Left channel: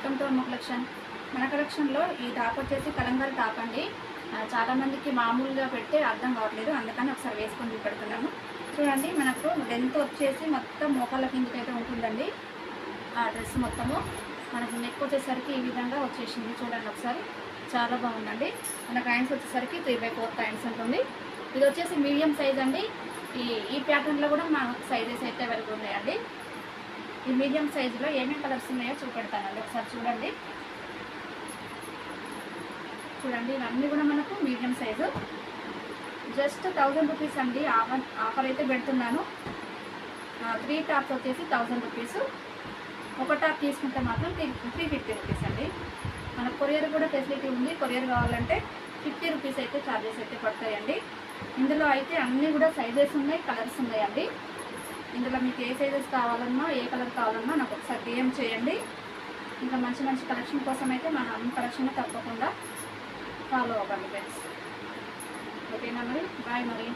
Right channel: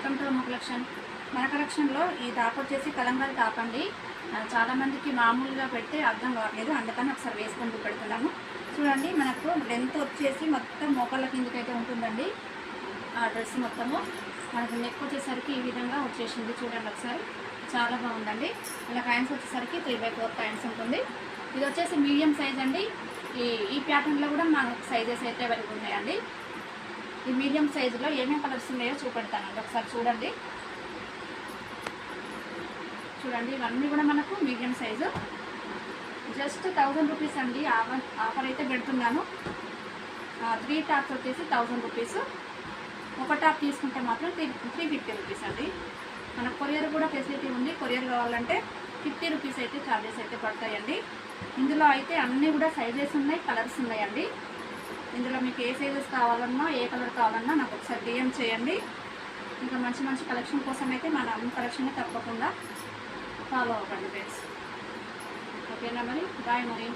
Welcome to అమ్మ collection. మన కలెక్షన్లో ఈ టాప్ వచ్చేసి కలంకారీ టాప్ అండి. చాలామందికి మామూలుగా పెడితే అర్థం కావట్లేదు, అందుకని ఒకసారి వేసుకొని పెడుతున్నాను. చూడండి, మనకు లెంత్ వచ్చేసి మొత్తం మోకాళ్ళ కిందకైతే ఉంటుందండి. ఆ డ్రెస్ మొత్తము మనకు నెక్ వచ్చేసరికి ఈ విధంగా వచ్చేసింది. చూడండి ఒకసారి, చాలా బాగుందండి. అలా కాయిన్స్ వచ్చేసరికి 3/4 కాయిన్స్ ఉంటుంది. ఇది వచ్చేసి మీడియం సైజ్ అండి. ఈ ప్యాటర్న్లో కూడా మనకు సైజెస్ అయితే అవైలబుల్ ఉన్నాయండి. ఈ మీడియం సైజులో ఏమేమి కలర్స్ ఉన్నాయో చూపెడతానండి, ఒకసారి చూడండి. చూడండి, ఇవన్నీ కూడా మనకు మీడియం సైజు. జస్ట్ 1000 రూపీస్ అండి. ఆఫర్ అయితే పెడుతున్నాను. 3 టాప్స్ వచ్చేసి 1000 రూపీస్. ఒక టాప్ తీసుకుంటే మాత్రం 350 రూపీస్ అండి. మనకు కొరియర్ కూడా ఫెసిలిటీ ఉంది. కొరియర్ కావాలంటే 50 రూపీస్ అయితే ఛార్జెస్ అయితే పడతాయండి. ఇందులో అయితే అన్నీ కూడా సైజెస్ ఉన్నాయి, కలర్స్ ఉన్నాయండి. ఇందులో మీకు ఏ సైజెస్ కావాలన్నా, ఏ కలర్ కావాలన్నా నాకు ఒకసారి డిఎం చేయండి. ఇంకా మంచి మంచి కలెక్షన్ కోసం అయితే మన అన్ని కలెక్షన్ తప్పకుండా ఫాలో అవ్వండి ఫ్రెండ్స్. ఓకేనా మరి, బాయ్ మరి.